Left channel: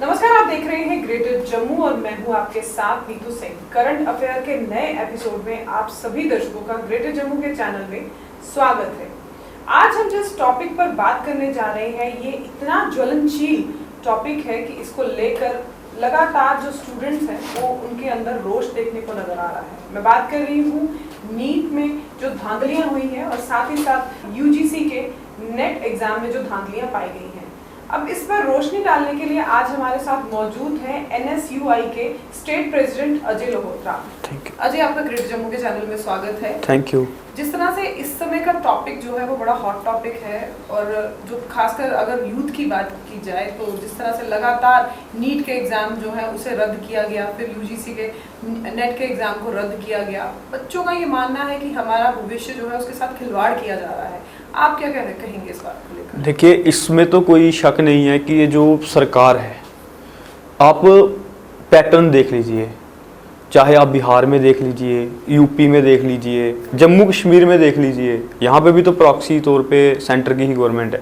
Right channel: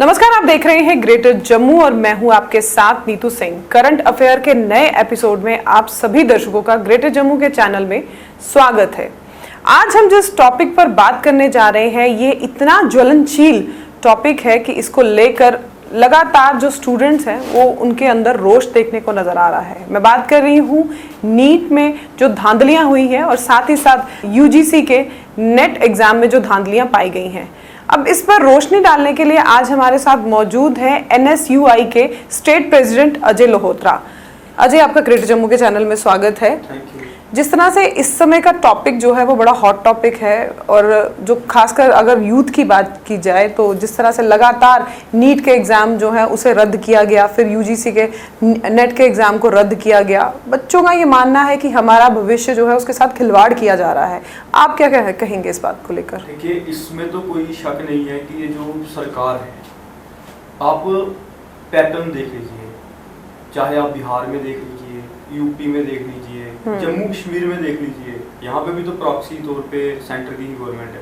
नमस्कार, आप देख रहे हैं ग्रेटर जम्मू और मैं हूं आपके साथ नीतू सिंह। करंट अफेयर के नए एपिसोड में आप सभी दर्शकों का ग्रेटर जम्मू के चैनल में स्वागत है। आज हम जिस टॉपिक पर बात करने जा रहे हैं ये इतना ज्वलनशील टॉपिक है कि इसको लेकर लगातार जो स्टूडेंट्स हैं वो उनके अंदर रोष देखने को नजर आ रहा है। मैं बात कर रही हूँ नीट में जो धांधलियां हुई हैं और साथ ही साथ यूजीसी के नेट एग्जाम में जो धांधलियां पाई गई हैं। अब इस पर रोशनी डालने के लिए आज हमारे साथ मौजूद हैं एनएसयूआई के स्टेट प्रेसिडेंट अजय लोहोत्रा। अजय, आपका ग्रेटर जम्मू के चैनल में स्वागत है। Thank you. जिस तरह से इस समय का टॉपिक जो है वो बड़ा हॉट टॉपिक है और जो खासकर अगर यूथ की बात की जाए तो जिस तरह से लगातार नीट के एग्जाम जो है उसे रद्द किया गया, फिर यूजीसी के नेट के एग्जाम को रद्द किया गया, बच्चों का ये मानना है कि हमारा भविष्य जो है उसके साथ खिलवाड़ किया जा रहा है। आप क्या कहेंगे इस बात को लेकर? देखिए, इसमें तो कोई शक नहीं है कि ये जो सरकार है, आप पैटर्न देख लीजिए, चाहे आप बिहार में देख लीजिए, यूपी में देख लीजिए, जम्मू कश्मीर में देख लीजिए, यहाँ पे भी तो प्रॉक्सी तौर पे सेंटर की ही गवर्नमेंट है।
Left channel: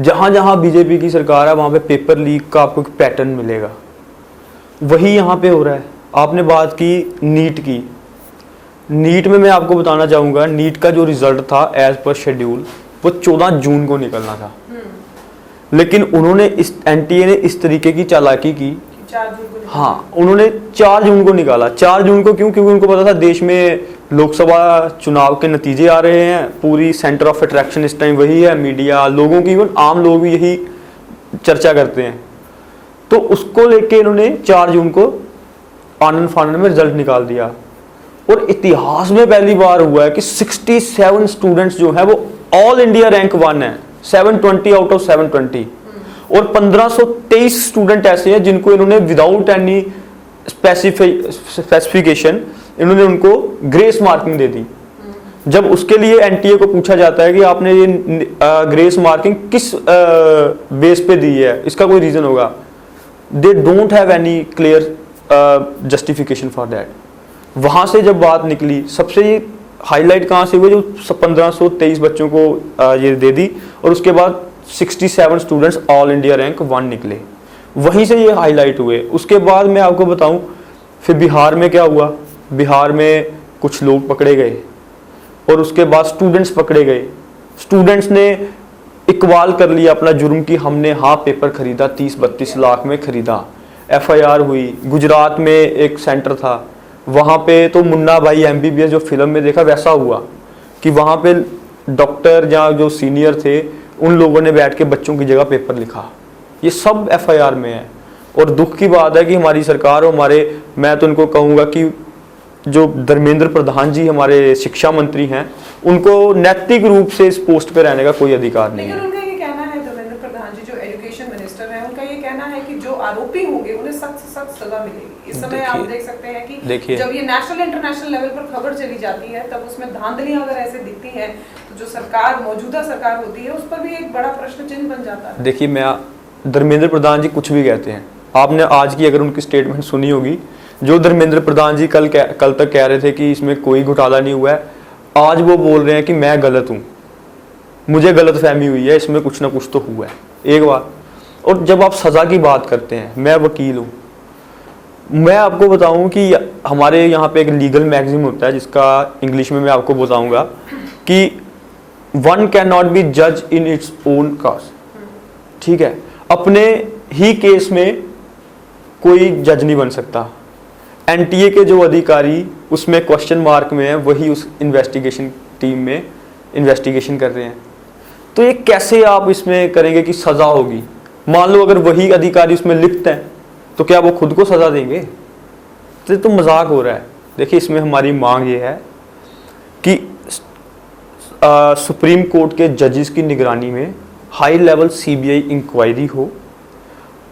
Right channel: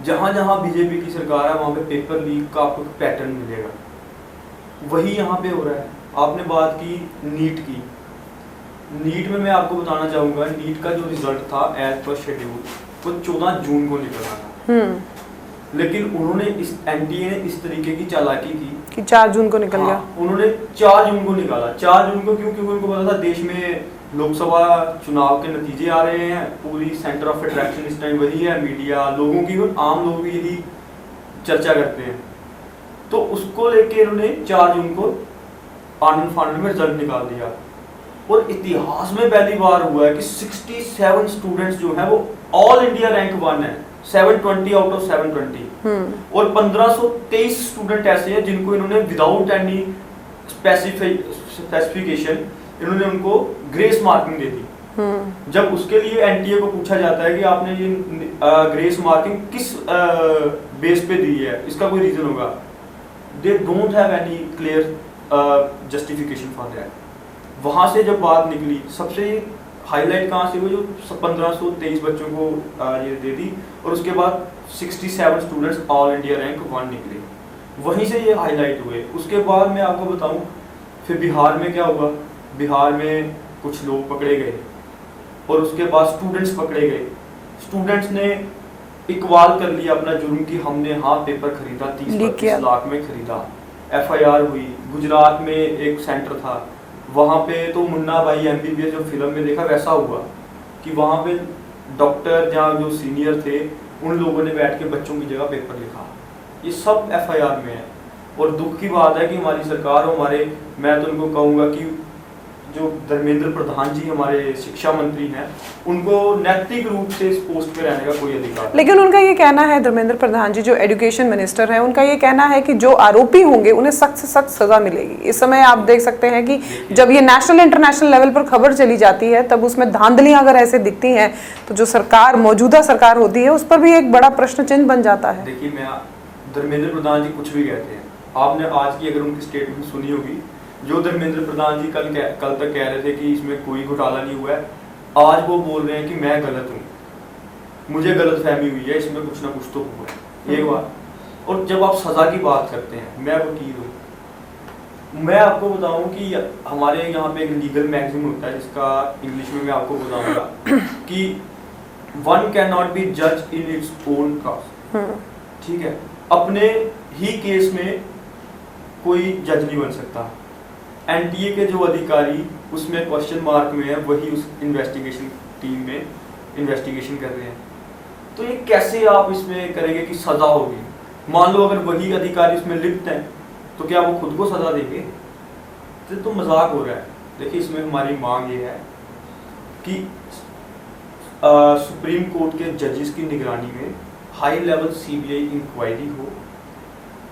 जहाँ जहाँ बीजेपी की सरकार है वहाँ पे पेपर लीक का आपको पैटर्न मिलेगा। वही यहाँ पे हो रहा है। आपने बात की नीट की। नीट में मैं आपको बताना चाहूँगा, नीट का जो रिजल्ट था एज पर शेड्यूल वो 14 जून को निकलना था, लेकिन उन्होंने इस एनटीए ने इस तरीके की चालाकी की कि 4 जून को निकल गया। उन्होंने 4 जून को निकाला। 4 जून को क्यों? क्योंकि उनको पता था देश में लोकसभा चुनाव के नतीजे आ रहे हैं, पूरी सेंटर ऑफ अट्रैक्शन इस टाइम वही है, मीडिया, लोगों की, आम लोग भी यही चर्चा करते हैं। तो उसको लेके इन्होंने 4 जून को आनन फानन में रिजल्ट निकाल दिया। और इतिहास में पहली बार हुआ है कि 67 स्टूडेंट्स जो है वो ऑल इंडिया रैंक 1 है, 720 आउट ऑफ 720। और 1523 स्टूडेंट ऐसे हैं जिनको इन्होंने विदाउट एनी स्पेसिफिकेशन इन्होंने उनको ग्रेस मार्किंग दे दी। जब उसके लिए एनटीए को पूछा जाता है कि आपने ये ग्रेस मार्किंग किस बेस पे दी है, इसका कोई रीजन होगा, they don't have any clear justification for that. वहां से जब बात निकली, सबसे हाईलाइट कहाँ से हुआ, जो 1523 बच्चों को ये दे दी और उसके बाद 67 स्टूडेंट्स ऑल इंडिया रैंक 1 निकले, वहीं से ये हाईलाइट हुए। उसके बाद मैं आपको बताऊं फिर बिहार में क्या हुआ। बिहार में कुछ लोग पकड़े गए और उसके बाद स्टूडेंट्स पकड़े गए। स्टूडेंट्स ने इकबाल कर लिया अपना जुर्म की हमने पेपर खरीदा, 30-32 लाख में खरीदा। एफआईआर हुई। गुजरात में एक सेंटर था, वहाँ पे तो मुन्ना भाई एमबीबीएस जो फिल्म में देखा वैसा हुआ कि वहाँ पे डॉक्टर या जो सीनियर थे उन लोगों ने बैठ के बच्चों की जगह पेपर लिखा। ये सब एफआईआर में है। और दुख की बात है कि हमारी सरकार और मैं तो उनको कहूँगा कि जो धर्मेंद्र प्रधान जी हमारे शिक्षा मंत्री हैं, उनको नैतिक रूप से इस पोस्ट पे रहने का कोई अधिकार नहीं। लेकिन उनका ये कहना है, धर्मेंद्र प्रधान जी जो एजुकेशन मिनिस्टर हैं, उनका ये कहना है कि जो आरोपी होंगे उन्हें सख्त से सख्त सजा मिलेगी। इस समय आप देख सकते हैं कि जब ये नेशनल इंटरनेशनल लेवल पर खबर चली जाती है तब उसमें धांधलियां अगर ऐसे दिखती हैं तो जो सरकार, मौजूदा सरकार होती है, उस पर भी एक बड़ा प्रश्न चिन्ह बन जाता है। देखिए, मैं धर्मेंद्र प्रधान जी कुछ भी कहते हैं, आपने आज की अगर उनकी स्टेटमेंट सुनी होगी, जो धर्मेंद्र प्रधान जी कल तक कह रहे थे कि इसमें कोई घोटाला नहीं हुआ है, आज वो बोल रहे हैं कि मैं गलत हूं, मुझे गलतफहमी हुई है, इसमें कुछ ना कुछ तो हुआ है। एक बार। और जब आप सजा की बात करते हैं, मैं वकील हूं, मैं आपको बताऊं कि हमारे यहाँ पे एक लीगल मैगजीन होता है जिसका इंग्लिश में मैं आपको बताऊंगा कि वन कैन नॉट बी जज इन इट्स ओन कॉज। ठीक है, अपने ही केस में कोई जज नहीं बन सकता। एनटीए के जो अधिकारी उसमें क्वेश्चन मार्क में है, वही उस इन्वेस्टिगेशन टीम में इन्वेस्टिगेशन कर रहे हैं। तो ये कैसे आप इसमें करेंगे कि सजा होगी? मान लो अगर वही अधिकारी उसमें लिखते हैं तो क्या वो खुद को सजा देंगे? तो मजाक हो रहा है। देखिए, इसमें हमारी मांग ये है कि सुप्रीम कोर्ट के जजेस की निगरानी में हाई लेवल सीबीआई इंक्वायरी हो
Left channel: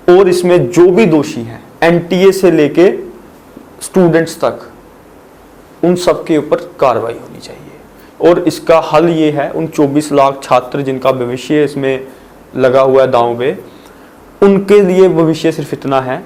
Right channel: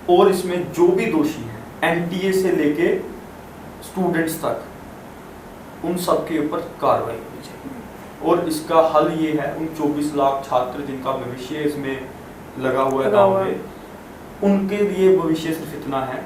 और इसमें जो भी दोषी हैं, एनटीए से लेके स्टूडेंट्स तक, उन सब के ऊपर कार्रवाई होनी चाहिए। और इसका हल ये है, उन 24 लाख छात्र जिनका भविष्य इसमें लगा हुआ है दांव में, उनके लिए भविष्य सिर्फ इतना है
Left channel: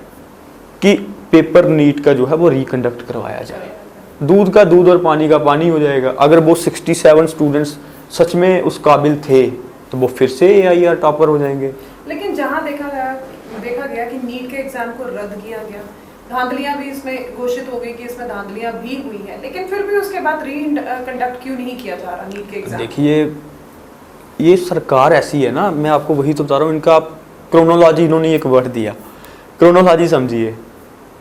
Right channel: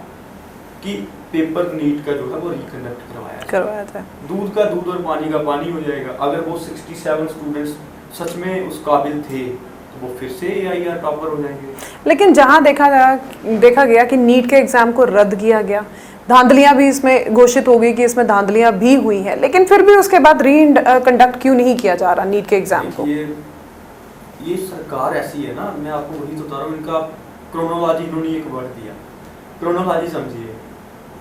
कि पेपर नीट का जो है वो रिकंडक्ट करवाया जाए। दूध का दूध और पानी का पानी हो जाएगा। अगर वो 67 स्टूडेंट्स सच में उस काबिल थे, तो वो फिर से AIR टॉपर हो जाएंगे। लेकिन जहां देखा गया कि नीट के एग्जाम को रद्द किया गया, धांधलियां भी इसमें घोषित हो गई कि इसमें धांधलियां भी हुई है, लेकिन फिर भी उसके बाद कंडक्ट क्यों नहीं किया जा रहा नीट के एग्जाम को? देखिए, ये सरकार ऐसी है ना, मैं आपको वही तो बता रहा हूँ, इनका क्रोनोलॉजी, इन्होंने एक वर्ड दिया, क्रोनोलॉजी समझिए।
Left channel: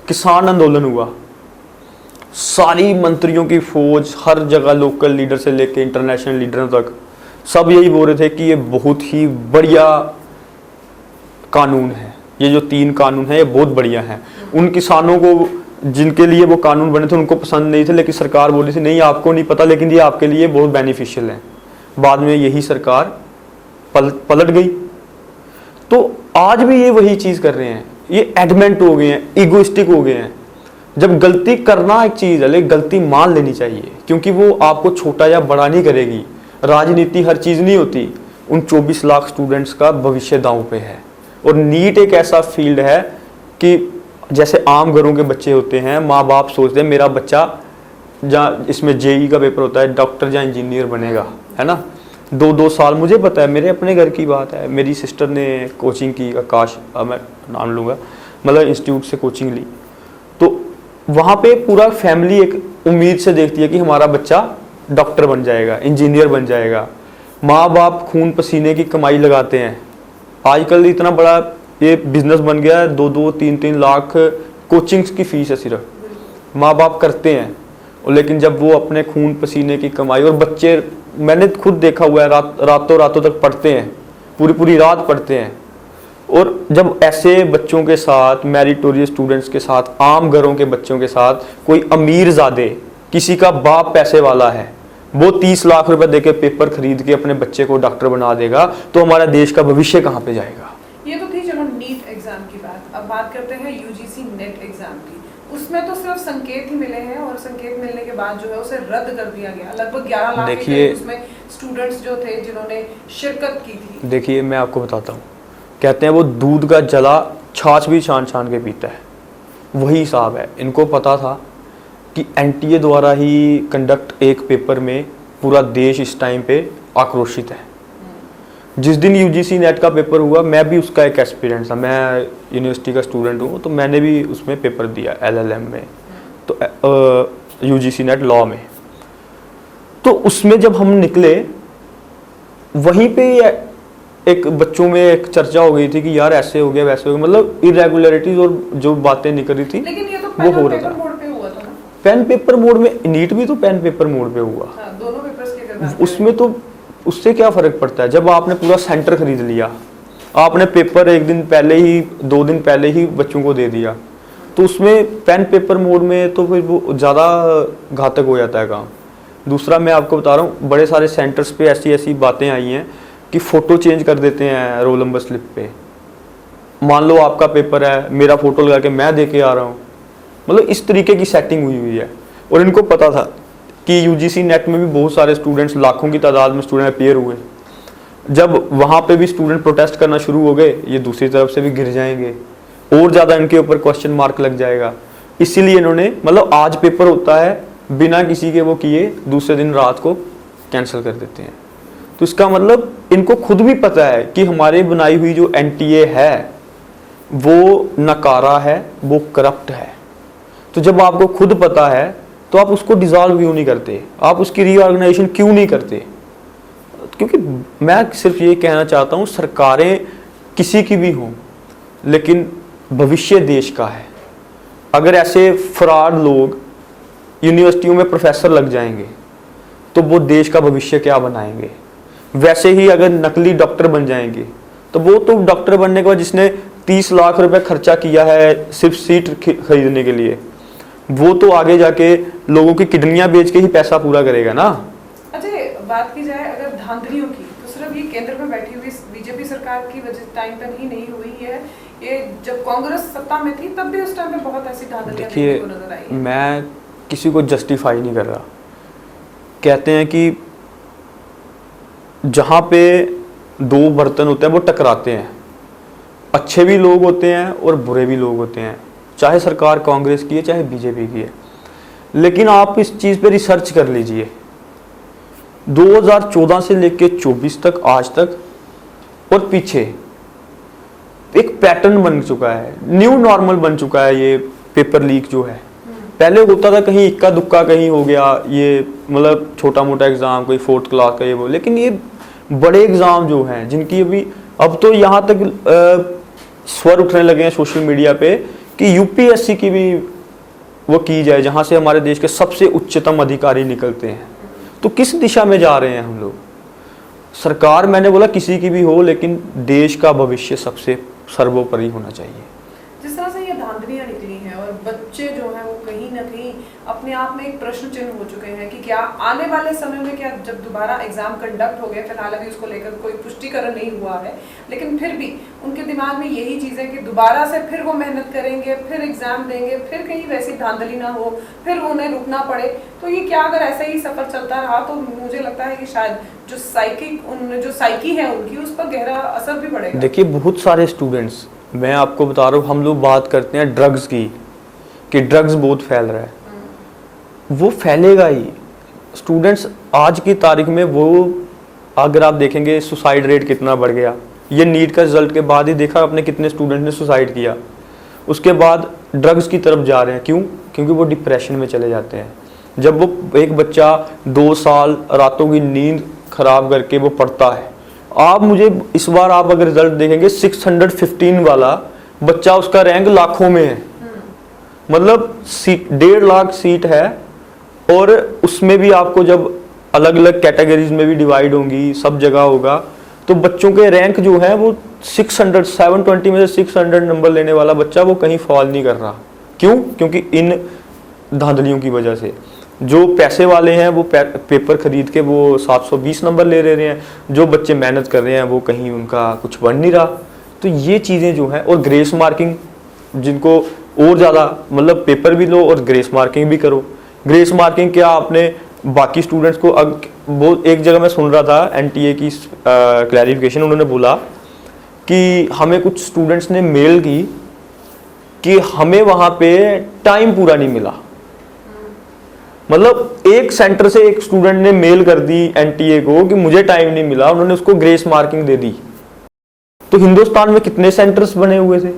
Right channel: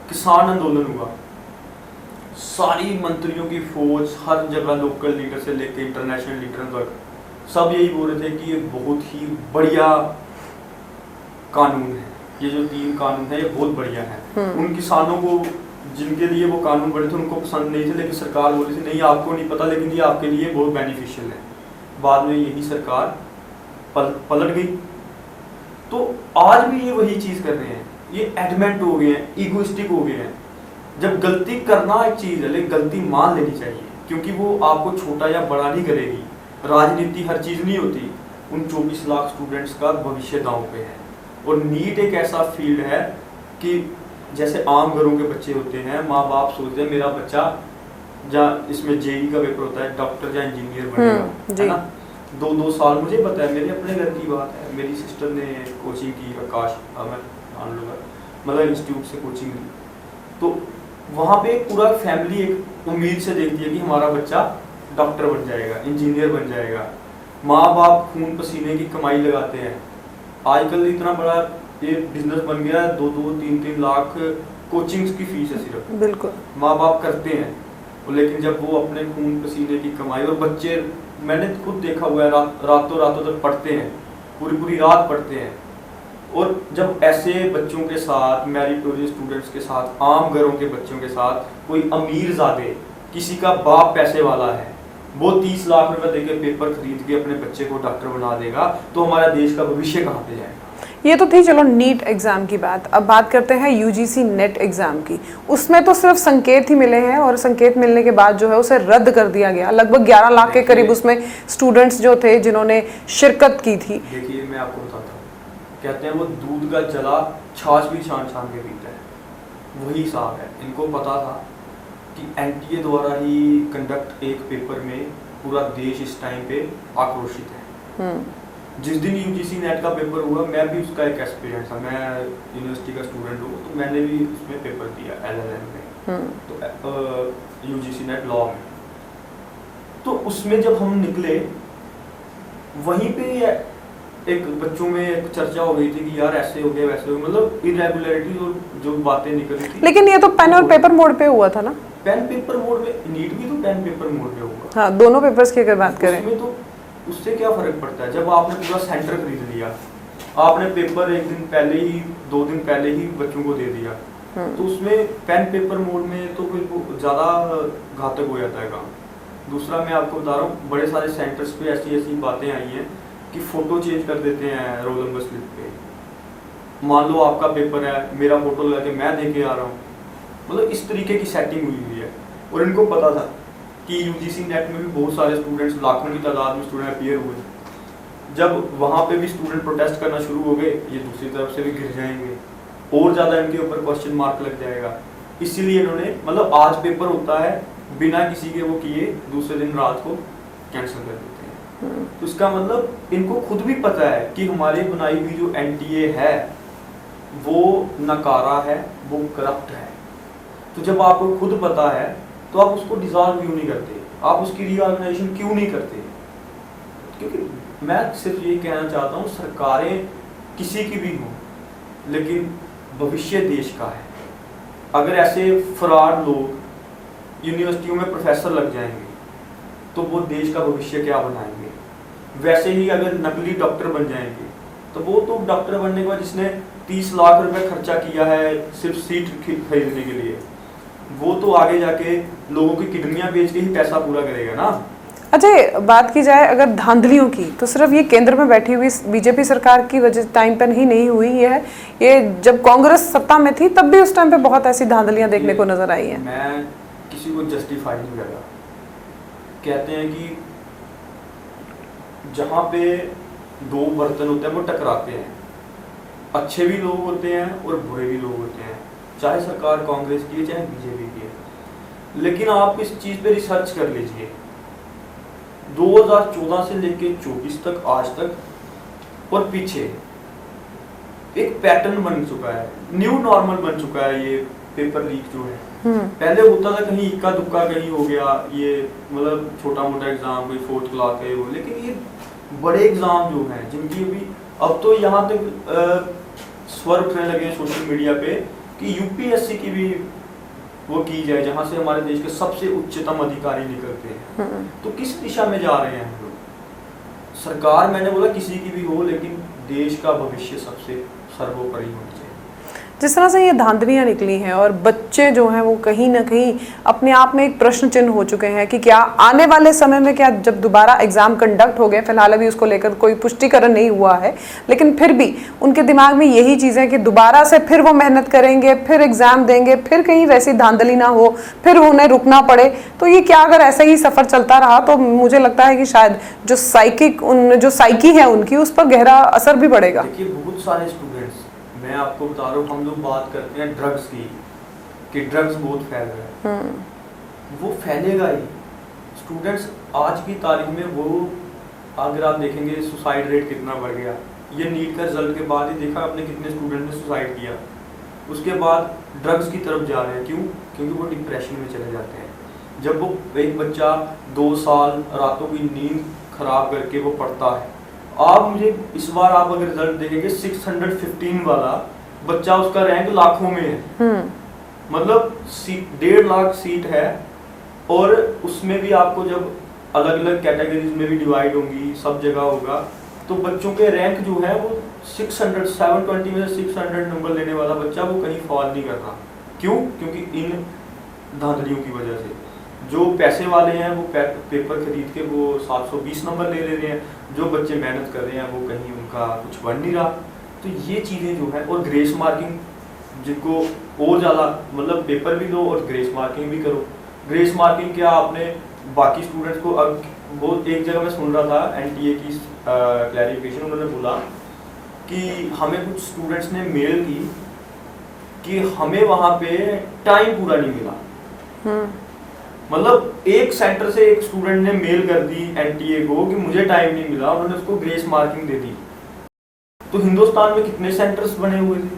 किसान आंदोलन हुआ, सारी मंत्रियों की फौज, हर जगह लोकल लीडर से लेके इंटरनेशनल लीडरों तक सब यही बोल रहे थे कि ये बहुत ही बढ़िया कानून है, ये जो 3 कानून है ये बहुत बढ़िया है। उन किसानों को जिनके लिए वो कानून बने थे उनको पसंद नहीं थे, लेकिन सरकार बोली थी नहीं आपको नहीं पता, लेकिन ये आपके लिए बहुत बेनिफिशियल है। बाद में यही सरकार पलट गई। तो आज भी ये वही चीज कर रहे हैं, ये एडमेंट हो गए हैं, इगोइस्टिक हो गए हैं। जब गलती करना एक चीज है, लेकिन गलती मान लेनी चाहिए, क्योंकि वो आपको छोटा या बड़ा नहीं करेगी। राजनीति हर चीज नहीं होती। उन 24 लाख स्टूडेंट्स का भविष्य दांव पे है। और नीट एक ऐसा फील्ड है कि जैसे आम घरों के बच्चे होते हैं, माँ बाप सोचते हैं मेरा बच्चा जहाँ इसमें JEE का पेपर होता है, डॉक्टर या इंजीनियर बनेगा, है ना। 2-2 साल, मुझे पता है, मेरे अपने घर की बात है, मेरी सिस्टर ने कोचिंग की, आकाश मैं नाम लूँगा, मतलब इंस्टीट्यूट से कोचिंग ली। तो वहाँ पे पूरा फैमिली एक उम्मीद से देखती है कि हमारा बच्चा डॉक्टर बन जाएगा, इंजीनियर बन जाएगा। माँ बाप खून पसीने की कमाई लगाते हैं। आजकल इतना बड़ा ये बिजनेस बन गया है, 2-2, 3-3 लाख कोचिंग्स की फीस है सिर्फ। बिल्कुल माँ बाप करते हैं, लेकिन जब वो अपने खून पसीने की कमाई, और बच्चे मैंने खुद देखा हुआ है, रातों रातों तक पढ़ते हैं, पूरी रात पढ़ते हैं। और जब ऐसे बच्चों के साथ, मेरिटोरियस स्टूडेंट्स के साथ, आम घरों के बच्चों के साथ कोई अमीर ज़ादे, किसी का बाप पैसे वाला है, वो 30 लाख रुपए देके पेपर खरीद के अपने बच्चे को डॉक्टर बना देगा, तो हमारे देश का भविष्य कहाँ पे जाएगा? ये तो थी चलो नीट एग्जाम की बात। अब बात करते हैं UGC नेट एग्जाम की। उसमें तो सिर्फ संकेत ही मिले हैं, और संकेत मिलने के बाद जो है उसे रद्द कर दिया गया। लगभग 11 लाख के करीब उसमें स्टूडेंट्स जो थे जिन्होंने शिरकत की थी। देखिए, मैं आपको बताता हूँ, कहते हैं वो दूध का जला छाछ भी छान छान के पीता है, वही हिसाब है। इनको पता था कि NTA द्वारा ही कंडक्ट एक पेपर में पूरा देश इस टाइम पे आक्रोशित है। जिस दिन UGC नेट का पेपर हुआ, मैं भी उसका एक एक्सपीरियंस था, मैं यूनिवर्सिटी का स्टूडेंट हूँ, तो मैंने भी उसमें पेपर दिया LLM में, तो UGC नेट लॉ में। तो उसमें जब हम निकले, वहीं पे एक बच्चों में एक चर्चा हो गई थी कि यार ऐसे हो गया वैसे हो गया, मतलब इरेगुलरिटीज और जो बातें निकल रही थी। लेकिन ये तो पेन और पेपर मोड पे हुआ था ना। पेन पेपर मोड में, नीट भी तो पेन पेपर मोड पे हुआ। हाँ, दोनों पेपर्स की अगर बात करें, उसमें तो उससे क्या फर्क पड़ता है? जब आपने पूरा सेंटर खरीद लिया, आपने पेपर 1 दिन पहले ही, 2 दिन पहले ही बच्चों को दे दिया, तो उसमें पेन पेपर मोड में तो फिर वो ज्यादा घातक हो जाता है काम। दूसरा, मैं आपको बता रहा हूँ, बड़े सारे सेंटर्स पे ऐसी ऐसी बातें आई हैं कि फोटो चेंज कर देते हैं रोल नंबर स्लिप पे। मान लो आपका पेपर है, मेरा फोटो लगा के मैं दे के आ रहा हूँ, मतलब इस तरीके की सेटिंग हुई है। और इनको पता था कि UGC नेट में भी बहुत सारे स्टूडेंट्स, लाखों की तादाद में स्टूडेंट अपेयर हुए। जब वहाँ पे भी स्टूडेंट प्रोटेस्ट करना शुरू हो गए, ये दूसरी तरफ से भी गिर जाएंगे, और ज़्यादा इनके ऊपर क्वेश्चन मार्क लग जाएगा। इसीलिए इन्होंने, मतलब आज पेपर होता है, बिना किसी के वो किए दूसरे दिन रात को कैंसिल कर देते हैं। तो इसका मतलब इनको खुद भी पता है कि हमारे बनाई हुई जो NTA है वो नकारा है, वो करप्ट है। तो जब आपको खुद पता है तो आप उसको डिसॉल्व क्यों नहीं करते? आप उसकी रीऑर्गेनाइजेशन क्यों नहीं करते? क्योंकि मैं सिर्फ ये कहना चाहता हूँ, सरकारें किसी की भी हों, लेकिन भविष्य देश का है। अगर ऐसे फ्रॉड लोग यूनिवर्सिटियों में प्रोफेसर लग जाएंगे तो वो देश का भविष्य क्या बनाएंगे? वैसे ही अगर नकली डॉक्टर बन जाएंगे तो वो तो डॉक्टर बनने के बाद जिसने 30 लाख रुपए खर्चा किया है सिर्फ सीट खरीदने के लिए, वो तो आगे जाके लोगों की किडनियां बेच के ही पैसा पूरा करेगा ना। अच्छा, बात की जाए अगर धांधलियों की, तो सिर्फ ये केंद्र में बैठी हुई बीजेपी सरकार की वजह टाइम पर ही नहीं हुई है। ये जब कांग्रेस सत्ता में थी तब भी उस टाइम पे बहुत ऐसी धांधलियां देखने को नजर आई है। मैं किसी को जस्टिफाई नहीं कर रहा। कहते हैं कि जहाँ पे 2 बर्तन होते हैं वो टकराते हैं, अच्छे भी लोग होते हैं और बुरे भी लोग होते हैं, चाहे सरकार कांग्रेस की है चाहे बीजेपी की है। लेकिन आप इस चीज़ पे रिसर्च कर लीजिए, 2014 से लेकर 24 तक आज तक और पीछे एक पैटर्न बन चुका है, न्यू नॉर्मल बन चुका है ये पेपर लीक जो है। पहले होता था कहीं इक्का दुक्का कहीं हो गया, ये मतलब छोटा मोटा एग्जाम, कोई 4th क्लास का ये वो, लेकिन ये बड़े एग्जाम जो हैं जिनकी अभी अब तो यहाँ तक स्वर उठने लगे हैं सोशल मीडिया पे कि यूपीएससी की भी वो की जाए, जहां से हमारे देश के सबसे उच्चतम अधिकारी निकलते हैं। तो किस दिशा में जा रहे हैं हम लोग? सरकार मैंने बोला किसी की भी हो, लेकिन देश का भविष्य सबसे सर्वोपरि होना चाहिए। जिस तरह से ये धांधलियां निकली हैं और बच्चे जो हैं वो कहीं ना कहीं अपने आप में एक प्रश्न चिन्ह हो चुके हैं कि क्या आने वाले समय में, क्या जब दोबारा एग्जाम कंडक्ट हो गए, फिलहाल अभी उसको लेकर कोई पुष्टिकरण नहीं हुआ है, लेकिन फिर भी उनके दिमाग में यही चीज़ें कि दोबारा से फिर वो मेहनत करेंगे, फिर एग्जाम देंगे, फिर कहीं वैसी धांधली ना हो, फिर उन्हें रुकना पड़े। तो ये क्या अगर ऐसा ही सफर चलता रहा तो मुझे लगता है कि शायद जो साइकी है उनकी, उस पर गहरा असर भी पड़ेगा। देखिए बहुत सारे स्टूडेंट्स, मैं आपको बता रहा हूँ, हम लोग बात करते हैं ड्रग्स की कि ड्रग्स बहुत फैल रहा है, वो फैलेगा ही। स्टूडेंट्स आज की तारीख में वो, अगर आप देखेंगे सुसाइड रेट कितना बढ़ गया, ये नीट का रिजल्ट के बाद ही देखा आपने कितने स्टूडेंट ने सुसाइड किया। उसके बाद ड्रग्स की तरफ जा रहे हैं, क्यों? क्योंकि वो डिप्रेशन में चले जाते हैं। जब वो एक बच्चा 2 साल रातों की नींद खराब करके वो पढ़ता है, आप मुझे इस बार आप अगर रिजल्ट देखेंगे 615 वाला बच्चा, उसका रैंक लाखों में है। मतलब 1.5 लाख सीट है, और उसमें भी आपको जब अलग अलग कैटेगरीज में भी डिवाइड होंगी, सब जगह होगा, तो बच्चों के रैंक जो है वो 720 में से 600 नंबर लेने वाला बच्चा वो कहीं फॉल नहीं कर रहा। क्यों? क्योंकि इन धांधलियों की वजह से जो पैसे वाले हैं वो पेपर खरीद के वो 720 नंबर ले रहे हैं, जो बच्चे मेहनत कर रहे हैं वो कहीं उनका कुछ बन नहीं रहा। तो ये चीज़ें जो हैं, और ग्रेस मार्किंग जिनको और ज़्यादा, मतलब पेपर भी लो और ग्रेस मार्किंग भी करो। ग्रेस मार्किंग क्या, आपने बाकी स्टूडेंट्स को बहुत, एक जगह मैं सुन रहा था एनटीए की क्लैरिफिकेशन, उन्होंने बोला कि हमें कुछ स्टूडेंट्स ने मेल की कि हमें वहाँ पे टाइम पूरा नहीं मिला। मतलब एक सेंटर से एक स्टूडेंट ने मेल कर दी एनटीए को कि मुझे टाइम नहीं मिला, उन्होंने उसको ग्रेस मार्किंग दे दी। तो हिंदुस्तान में कितने सेंटर्स बने हुए थे?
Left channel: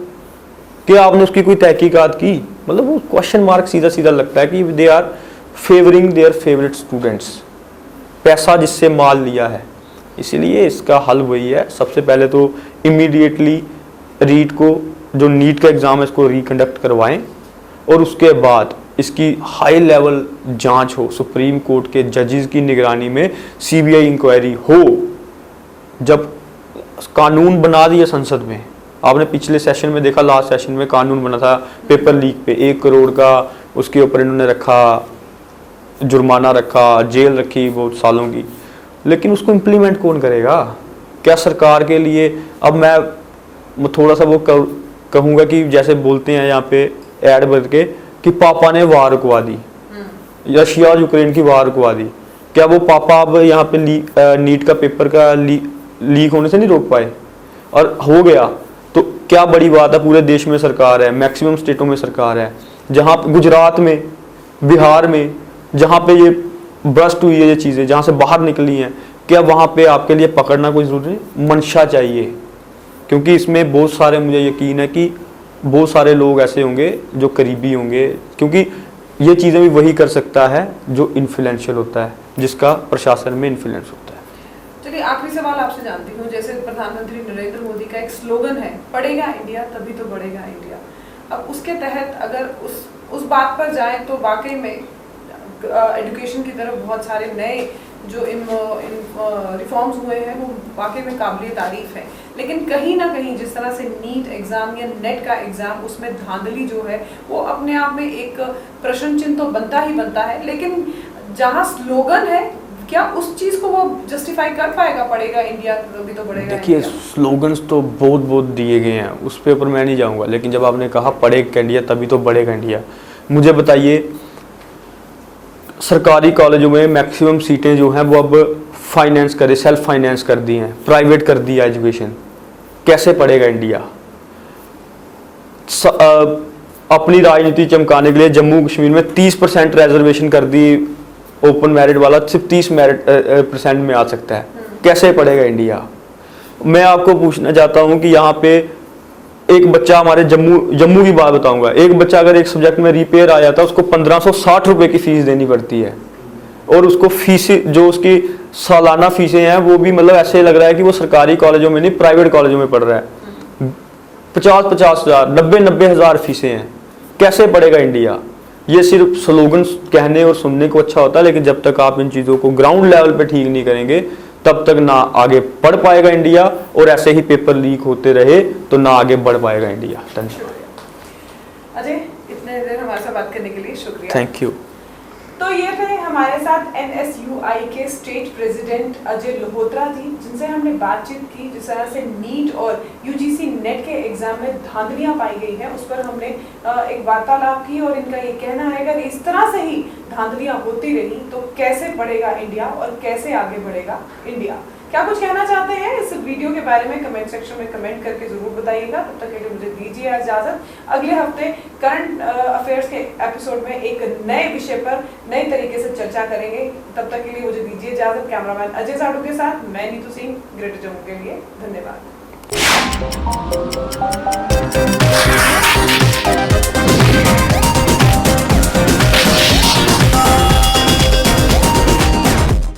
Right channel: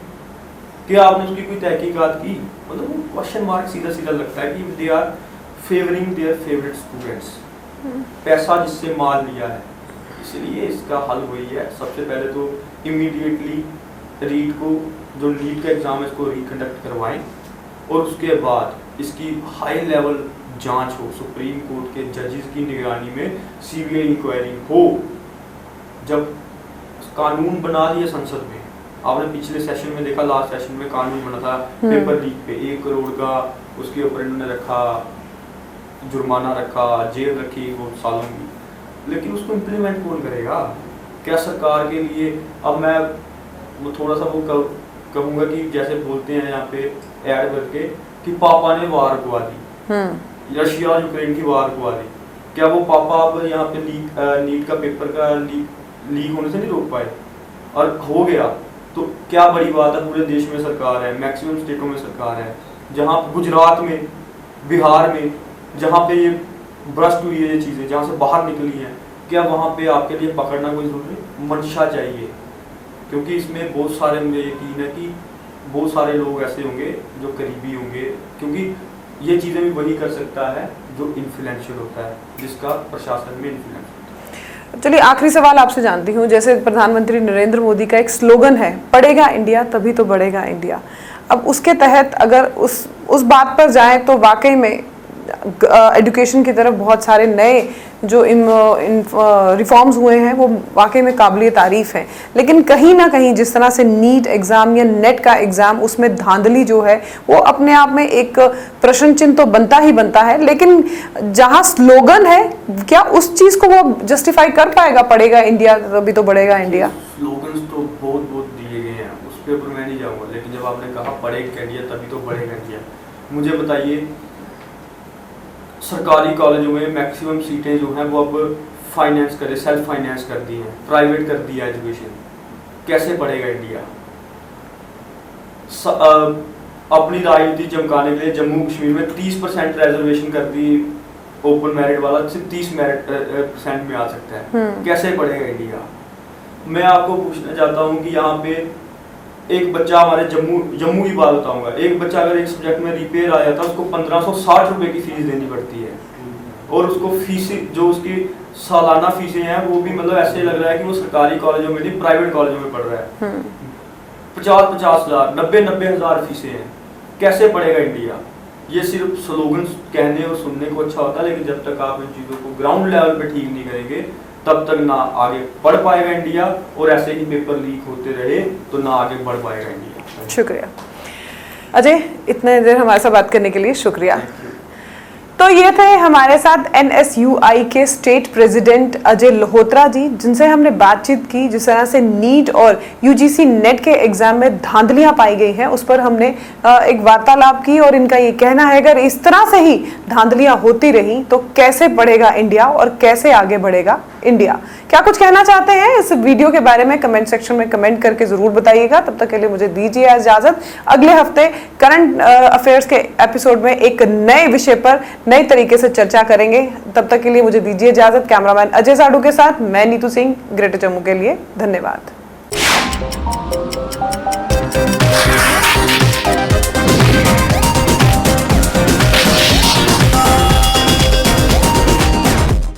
क्या आपने उसकी कोई तहकीकात की? मतलब वो क्वेश्चन मार्क सीधा सीधा लगता है कि they are favouring their favourite students, पैसा जिससे माल लिया है। इसीलिए इसका हल वही है, सबसे पहले तो इमीडिएटली रीट को, जो नीट का एग्जाम है, इसको रिकंडक्ट करवाएं, और उसके बाद इसकी हाई लेवल जांच हो, सुप्रीम कोर्ट के जजेस की निगरानी में सीबीआई इंक्वायरी हो। जब कानून बना दिया संसद में, आपने पिछले सेशन में देखा, लास्ट सेशन में कानून बना था पेपर लीक पे, 1 करोड़ का उसके ऊपर इन्होंने रखा, जुर्माना रखा, जेल रखी बहुत सालों की, लेकिन उसको इम्प्लीमेंट कौन करेगा? क्या सरकार के लिए, अब मैं थोड़ा सा वो कहूँगा कि जैसे बोलते हैं यहाँ पे ऐड भर के कि पापा ने वार रुकवा दी, रशिया और यूक्रेन की वार रुकवा दी, क्या वो पापा अब यहाँ पे नीट का पेपर का लीक होने से नहीं रोक पाए? और हो गया तो क्या बड़ी बात है, पूरे देश में सरकार है, मैक्सिमम स्टेटों में सरकार है, जहाँ गुजरात में, बिहार में, जहाँ पे ये ब्रस्ट हुई है ये चीज़ें, जहाँ से बाहर निकली हैं, क्या वहाँ पे आपके लिए पकड़ना कोई जरूरी नहीं? मंशा चाहिए, क्योंकि इसमें बहुत सारे, मुझे यकीन है कि बहुत सारे लोग ऐसे होंगे जो करीबी होंगे, क्योंकि ये चीज़ें भी वही कर सकता है जो इन्फ्लुएंशियल होता है, जिसका प्रशासन में इन्फ्लुएंस होता है। चलिए आखिरी सवाल आपसे जानती हूँ, जैसे प्रधानमंत्री नरेंद्र मोदी का एक स्लोगन है, पढ़ेगा इंडिया तभी तो बढ़ेगा इंडिया। अब उसके तहत अगर उस बात पर जाएं तो वाकई में एजुकेशन की तरफ बहुत सारे नए जो रिफॉर्म्स हुए हैं वो वाकई में काबिल तारीफ है, लेकिन कहीं ना कहीं जिस तरह से नीट एग्ज़ाम या नेट का एग्ज़ाम, उसमें धांधली जो है वो अपने आप में एक प्रश्न चिन्ह तो बनता ही बनता है, लेकिन जहां स्लोगन है, क्या उस चीज़ को वो जस्टिफाई कर पाएगा? पढ़ेगा इंडिया तभी तो बढ़ेगा इंडिया। स्लोगन्स तो बहुत दिए गए हैं, उस पे ऊपर मैं नहीं जाऊँगा, लेकिन जब आपने कहा पढ़ेगा इंडिया तभी तो बढ़ेगा इंडिया, मुझे बताइए सरकारी कॉलेजों में मैक्सिमम सीटें जो हैं वो अब फाइनेंस करे, सेल्फ फाइनेंस कर दी हैं, प्राइवेट कर दिया एजुकेशन, कैसे पढ़ेगा इंडिया? अपनी राजनीति चमकाने के लिए जम्मू कश्मीर में 30% रिजर्वेशन कर दी, ओपन मेरिट वाला सिर्फ 30% में आ सकता है, कैसे पढ़ेगा इंडिया? मैं आपको पूछना चाहता हूं कि यहाँ पे एक बच्चा, हमारे जम्मू की बात बताऊंगा, एक बच्चा अगर एक सब्जेक्ट में रिपेयर आ जाता है उसको 1560 रुपए की फीस देनी पड़ती है, और उसको फीस जो उसकी सालाना फीसें हैं वो भी मतलब ऐसे लग रहा है कि वो सरकारी कॉलेजों में नहीं प्राइवेट कॉलेजों में पढ़ रहा है। 50-50 हजार 90-90 हजार फीसें हैं। कैसे पढ़ेगा इंडिया? ये सिर्फ स्लोगन कहने और सुनने को अच्छा होता है, लेकिन जब तक आप इन चीज़ों को ग्राउंड लेवल पे ठीक नहीं करेंगे तब तक ना आगे बढ़ पाएगा इंडिया, और ऐसे ही पेपर लीक होते रहे तो ना आगे बढ़ पाएगा इंडिया। शुक्रिया अजय, इतने देर हमारे साथ बात करने के लिए शुक्रिया। Thank you. तो ये थे हमारे साथ NSUI के स्टेट प्रेसिडेंट अजय लोहोत्रा जी, जिनसे हमने बातचीत की। जिस तरह से नीट और UGC नेट के एग्जाम में धांधलियां पाई गई हैं उस पर हमने एक वार्तालाप की, और इनका ये कहना है अगर इस तरह से ही धांधलियां होती रही तो कैसे बढ़ेगा इंडिया और कैसे आगे बढ़ेगा इंडिया। क्या कुछ कहना चाहते हैं इस वीडियो के बारे में कमेंट सेक्शन में कमेंट करके जरूर बताइएगा। तब तक के लिए मुझे दीजिए इजाजत। अगले हफ्ते करंट अफेयर्स के एपिसोड में एक नए विषय पर नए तरीके से चर्चा करेंगे। तब तक के लिए मुझे दीजिए इजाजत। कैमरामैन अजय साडू के साथ मैं नीतू सिंह, ग्रेटर जम्मू के लिए धन्यवाद।